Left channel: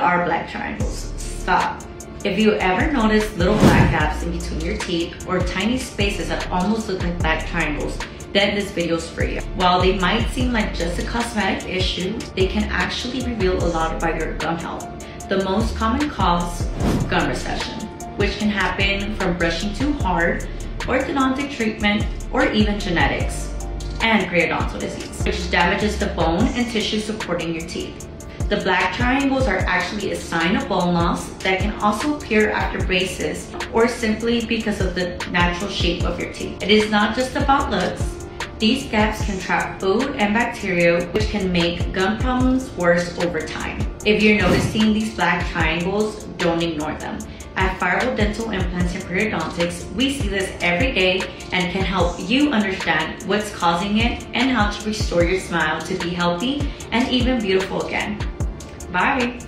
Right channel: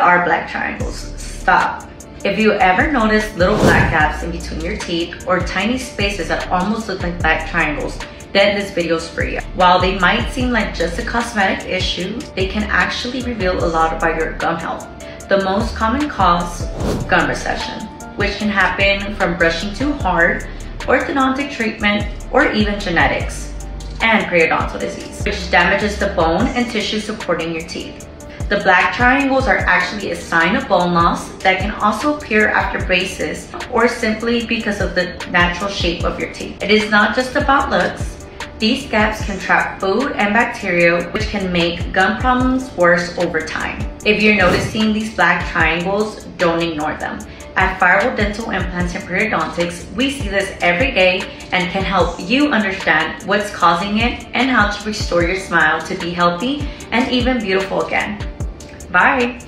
What are black triangles? Stop. If you ever notice little black gaps in between your teeth or tiny spaces that almost look like black triangles, then this video is for you. While they might seem like just a cosmetic issue, they can actually reveal a lot about your gum health. The most common cause, gum recession, which can happen from brushing too hard, orthodontic treatment, or even genetics, and periodontal disease, which damages the bone and tissue supporting your teeth. The black triangles are actually a sign of bone loss that can also appear after braces or simply because of the natural shape of your teeth. It is not just about looks. These gaps can trap food and bacteria, which can make gum problems worse over time. If you're noticing these black triangles, don't ignore them. At Firewall Dental Implants and Periodontics, we see this every day and can help you understand what's causing it and how to restore your smile to be healthy and even beautiful again. Bye!